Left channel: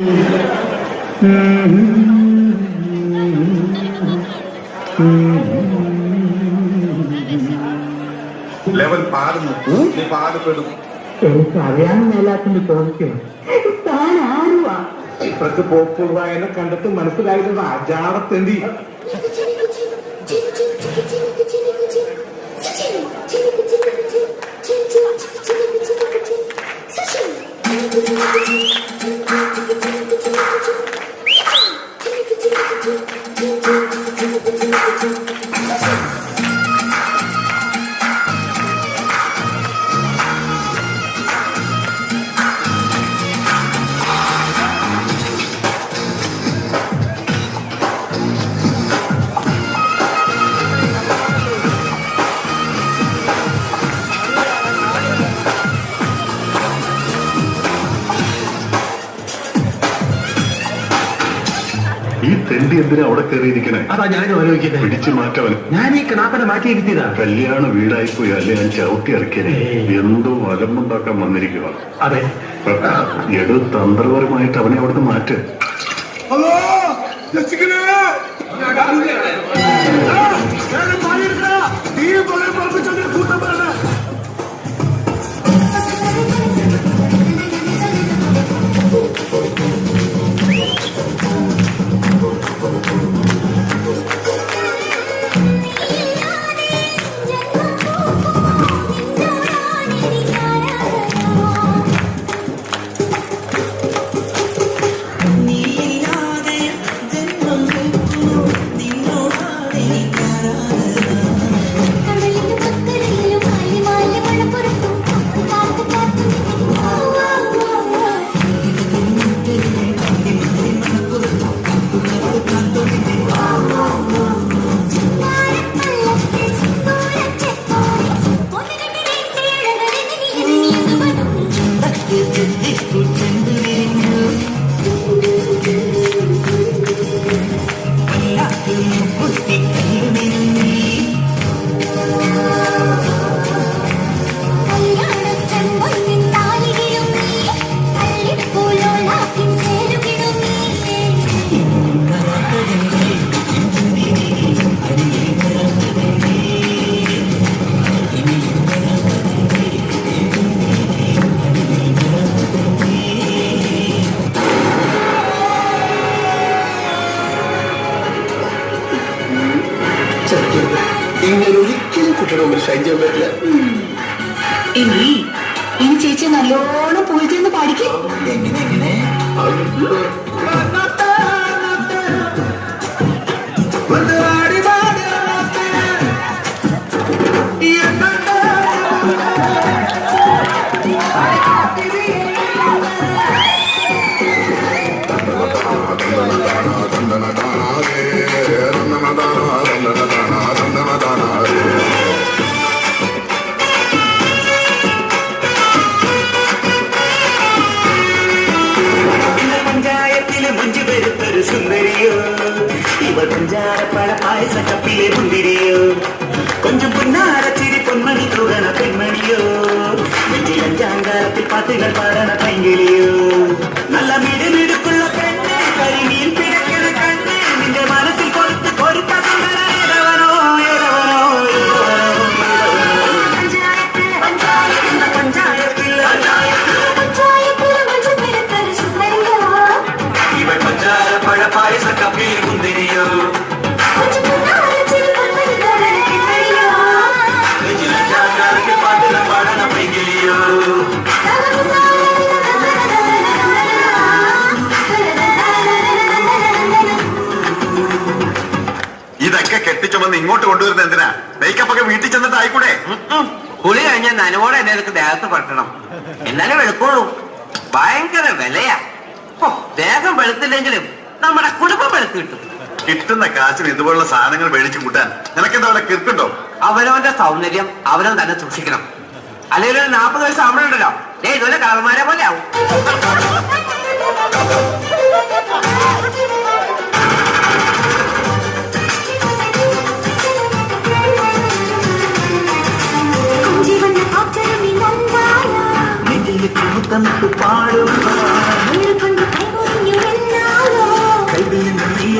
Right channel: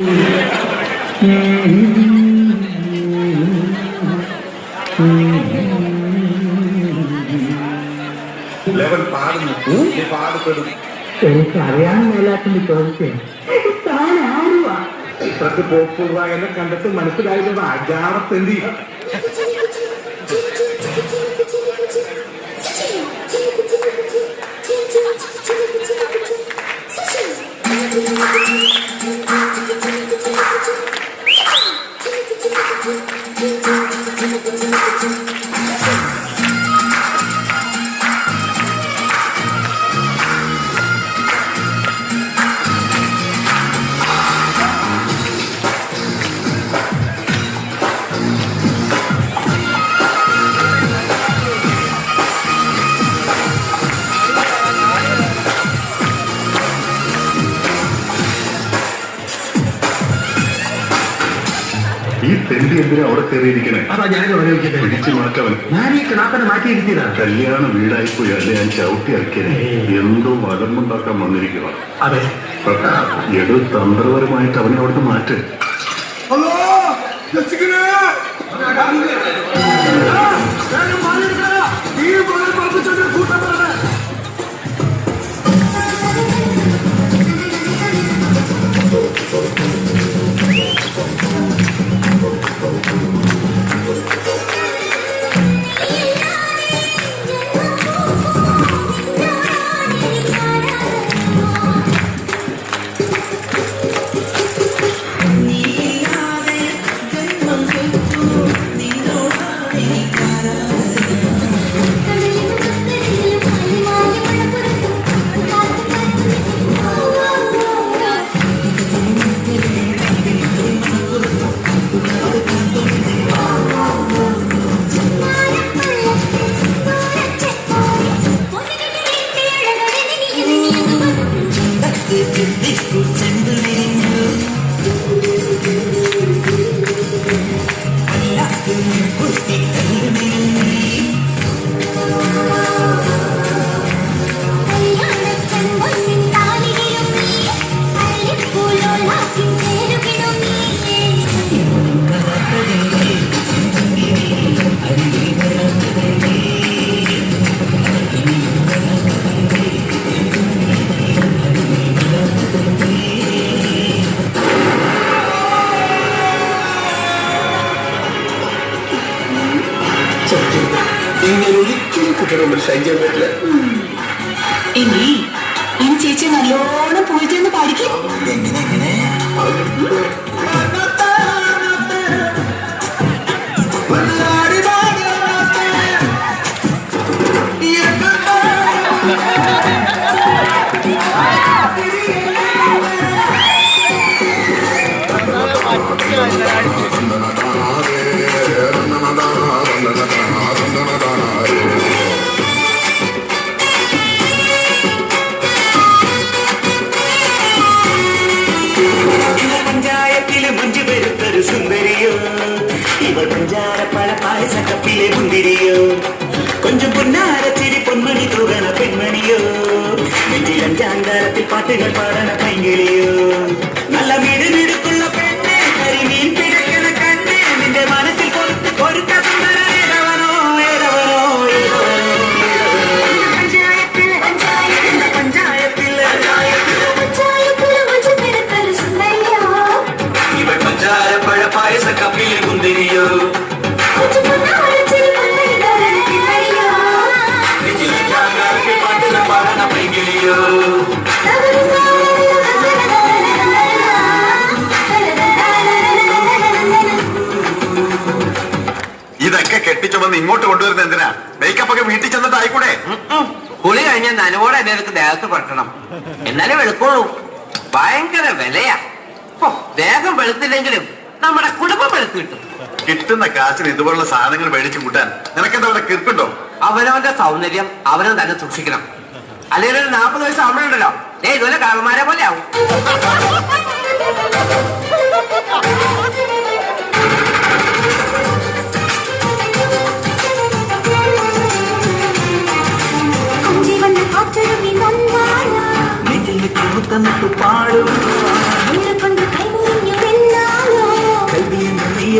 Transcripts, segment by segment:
Eleven പാടുന്നു, നീ പാടുപെടും. എനിക്കറിയാൻ മേലാത്തിന്റെ ചോദിച്ചേ താൻ ആരുവാ? ഇത്രക്ക് പോപ്പുള്ളതായ കണ്ടിട്ട് മനസ്സിലായത് അജാറത്തെന്തി. ഈ തെണ്ടി എന്തിനാ അവിടെ കയറിയിരിക്കണേ? അതാ ഞാൻ ആലോചിക്കുന്നത്. പിടിച്ചു മാറ്റവൻ. ഞാൻ ഈ കിണാപ്പനെ മാറ്റിയിരുത്തിയതാ. കല്യാണ വീടായിപ്പോയി അല്ലെ? ഞാൻ ചവിട്ടി ഇറക്കിയതേ. എന്തോ അലമ്പുണ്ടാക്കാൻ വന്നിരിക്കുക. അതെ, എടു തന്ത്രപരമായിട്ട് അവനെ അവിടുന്ന് മാറ്റ്. ഒരിക്കലും കുട്ടികളൊന്നും ശൈര്യം പറ്റില്ല. ഇനി ചേച്ചി നല്ലോണം പോയി ചെന്ന് പാടിക്കും. എങ്ങനെ സുന്ദരിയോ ഇവ പഞ്ചാരപ്പഴ പായസ കപ്പിലെ മുന്തിരിയോ കൊഞ്ചും പൊന്നാരച്ചിരി പൊന്മണി തൂകണ പെൺമണിയോ നെഞ്ചിലഞ്ചാങ്കാരത്തിൽ പാട്ടുകൾ പാടണ പൈങ്കിളിയോ നല്ല മിടുമിടുക്കുള്ള പെണ്ണ് കരിമീൻ പിടക്കണ കണ്ണ് നിന്റെ മനസ്സിൽ കൊടുത്ത് കൊടുക്ക സുന്ദര ഏതവനോ ഏതവനോ ഇതൊക്കെ കെട്ടിച്ചുമന്ന് ഇങ്ങോട്ട് കൊണ്ടുവരുന്നത് എന്തിനാ? മേക്കപ്പ് ഒക്കെ വീട്ടിൽ ചെന്നിട്ട് ആയിക്കൂടെ? കുളി കഴിഞ്ഞാൽ നനവോടെ എന്നെ അടുത്ത് ദേഹത്ത് പറ്റണം, എന്നാലും വെളുക്കോളൂ. ഭയങ്കര വിലയാ. ദേഹം വെളുത്തില്ലെങ്കിലും നമ്മുടെ കുടുംബം വെളുത്ത് കിട്ടും. കിട്ടുന്ന കാശിന് ഇതുപോലുള്ള സാധനങ്ങൾ മേടിച്ചു കൂട്ടാൻ നിനക്കെന്താ അവിടെ കിർക്കുണ്ടോ? അവനവന്റെ സൗന്ദര്യം അവനവൻ തന്നെ സൂക്ഷിക്കണം. അല്ലെങ്കിൽ ഒരു 40 വയസ്സ് ആവുമ്പോഴുണ്ടല്ലോ ഇതുപോലെ കാളന്മാരെ പോലെ ആവും. നെഞ്ചിലേക്ക് മുത്തമിട്ട് പാടുക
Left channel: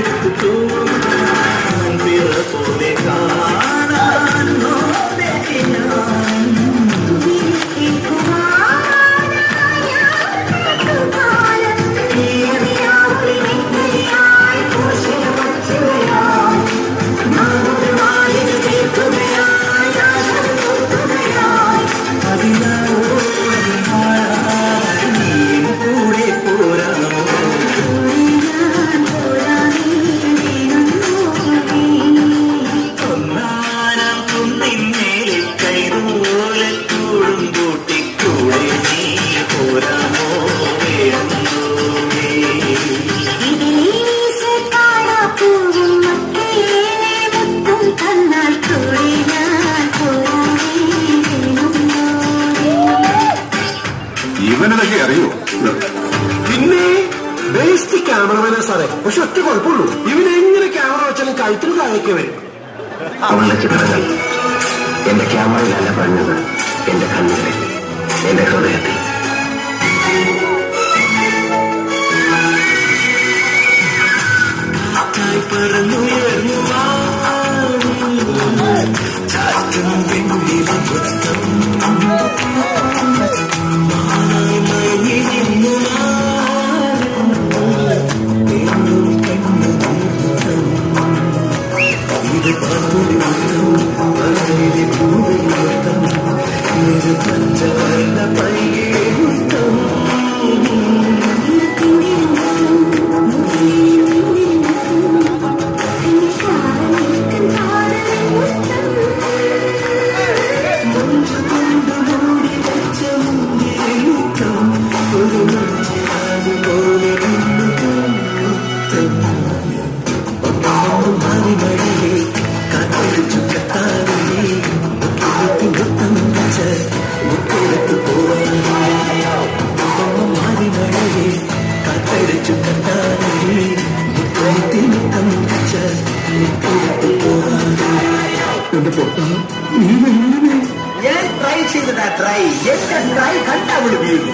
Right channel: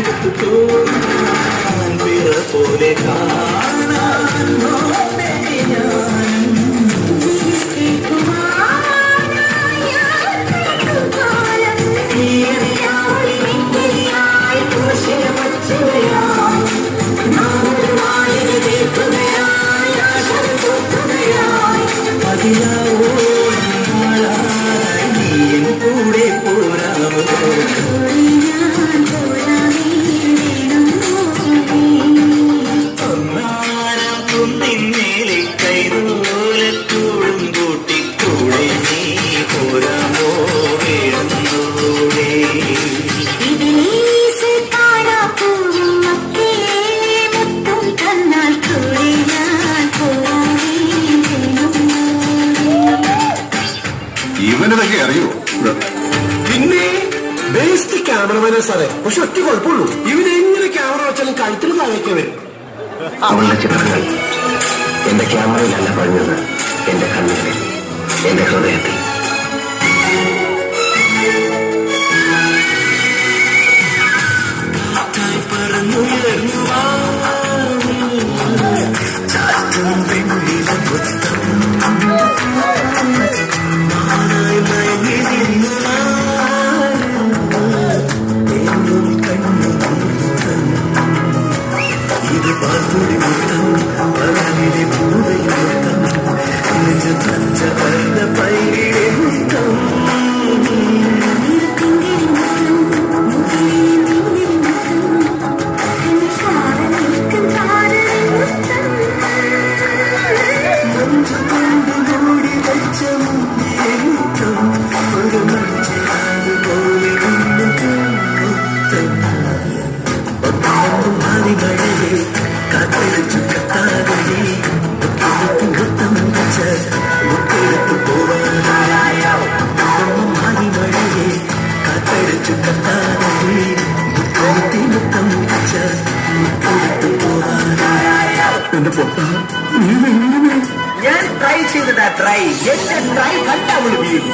കൈയെടുത്തു പോകാൻ പിറ പോലെ കാണാൻ നോക്കി ഞാൻ നീയും കൂടെ പോരാമോ ഒന്നാനം കുന്നിന്മേലെ കൈതോലക്കൂടും കൂട്ടിക്കൂടെ നീ പോരാമോ വേണമോവേ ഇവനതൊക്കെ അറിയൂ. പിന്നെ ബേസ്റ്റ് ക്യാമറമാനാ സാറേ. പക്ഷെ ഒറ്റ കുഴപ്പമുള്ളൂ, ഇവനെങ്ങനെ ക്യാമറ വെച്ചാലും കഴുത്തിന് താഴേക്ക് വരും. അവളുടെ ചിത്രങ്ങൾ എന്റെ ക്യാമറയിലല്ല പറഞ്ഞത്, എന്റെ കണ്ണുകളിൽ, എന്റെ ഹൃദയത്തിൽ. പറന്നുയർന്നു ചാറ്റും വെണ്ണില പുസ്തം നാളായി മയങ്ങി നിന്നു എന്നും കണ്ണു മുത്തം ഇത് പാർത്തുടി മുത്തം പറയിലെ പൂവയിൽ മുത്തം നെഞ്ചു തഞ്ച വല്ല പൈകിലെ മുത്തം എന്റെ പൊട്ട, നീ വെല്ലുവിളി. ഞാൻ ട്രൈ ചെയ്തതാ ട്രൈ എന്റെ ട്രൈ കണ്ടാ വീഴും